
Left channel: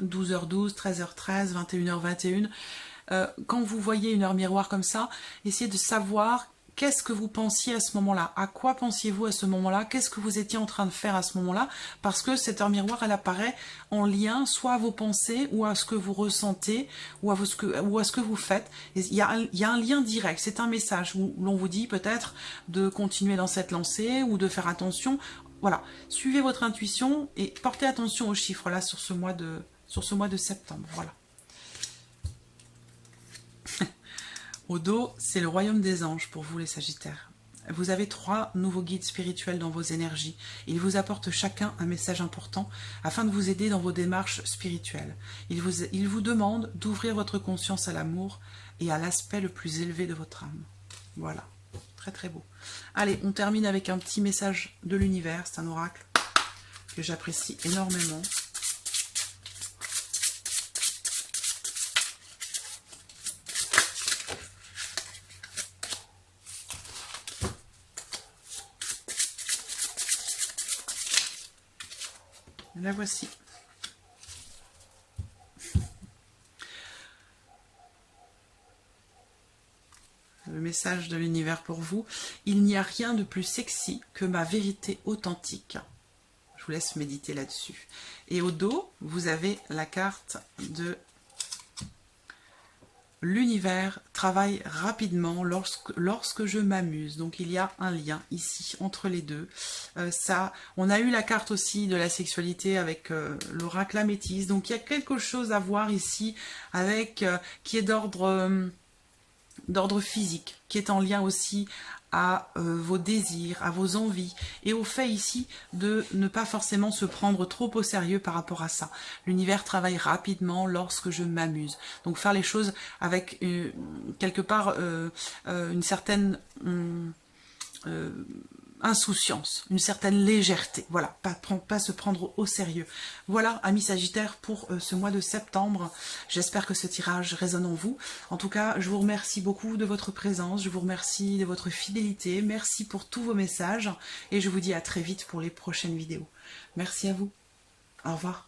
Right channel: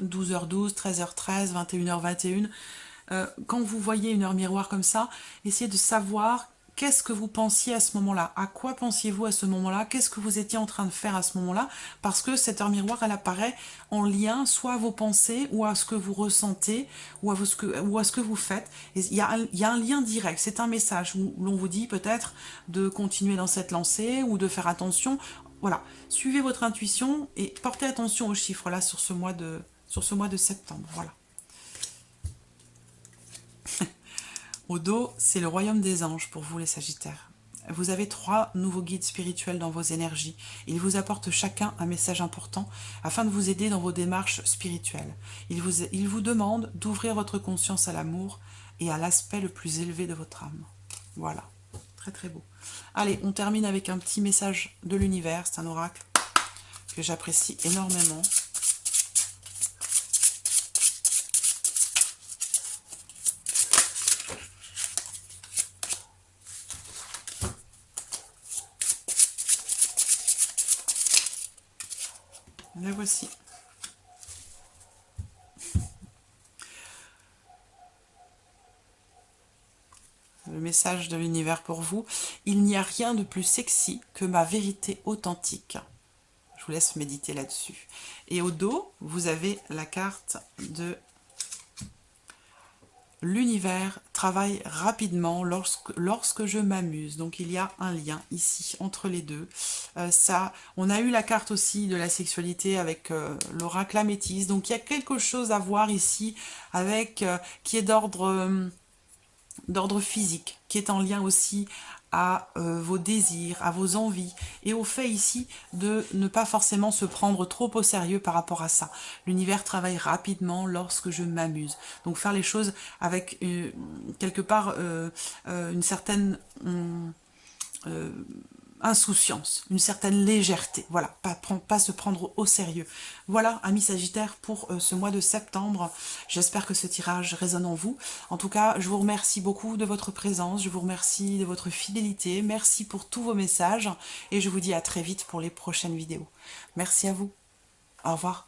12h12, 13h13, 21h21. Quand vous voyez une heure miroir comme ça, essayez de savoir qu'est-ce que vous pensiez à ce moment-là, à quoi pensiez-vous à ce moment-là, qu'est-ce que vous étiez en train de faire à ce moment-là, parce que cette heure miroir, elle apparaît en lien soit à vos pensées, ou à ce que vous ressentez, ou à ce que vous faites. Il y a un lien direct, c'est un message où l'on vous dit peut-être de continuer dans cette lancée, ou de faire attention. Voilà, suivez votre intuition et portez attention aux chiffres là sur ce mois de septembre. Voilà. Au dos, c'est le royaume des anges pour vous les Sagittaires. Vous avez 3 nouveaux guides spirituels dans vos énergies. Ils vous apportent chacun un message important afin de vous aider dans vos démarches spirituelles. Ils vous demandent d'ouvrir votre conscience à l'amour et à l'aspect le plus élevé de votre âme. Voilà, très très beau. Allez, on termine avec un petit message de l'univers. C'est un oracle que j'apprécie énormément. La voici. Le message de l'univers pour vous. Il n'y a rien de plus sexy que ma vérité authentique. Je vous laisse méditer là-dessus. Et au dos, vous avez la carte de l'univers travaille rapidement lorsque je m'amuse. Donc il y a un lien ici entre les deux. On a eu la carte aussi de la sexualité avec l'oracle améthyste. Donc il y a quelque chose à voir ici avec qui est d'ordre physique, qui est en lien aussi à vos désirs, à vos envies, et au fait ici de ne pas forcément se prendre trop au sérieux par rapport à ça. L'univers travaille rapidement lorsque je m'amuse. Donc faire les choses avec quelque part une certaine insouciance, une certaine légèreté. Voilà, pas se prendre au sérieux. Voilà, amis Sagittaires, pour ce mois de septembre. J'espère que ce tirage résonne en vous. En tout cas, je vous remercie beaucoup de votre présence, je vous remercie de votre fidélité, merci pour tous vos messages, et je vous dis à très vite pour les prochaines vidéos. Merci à vous. Au revoir.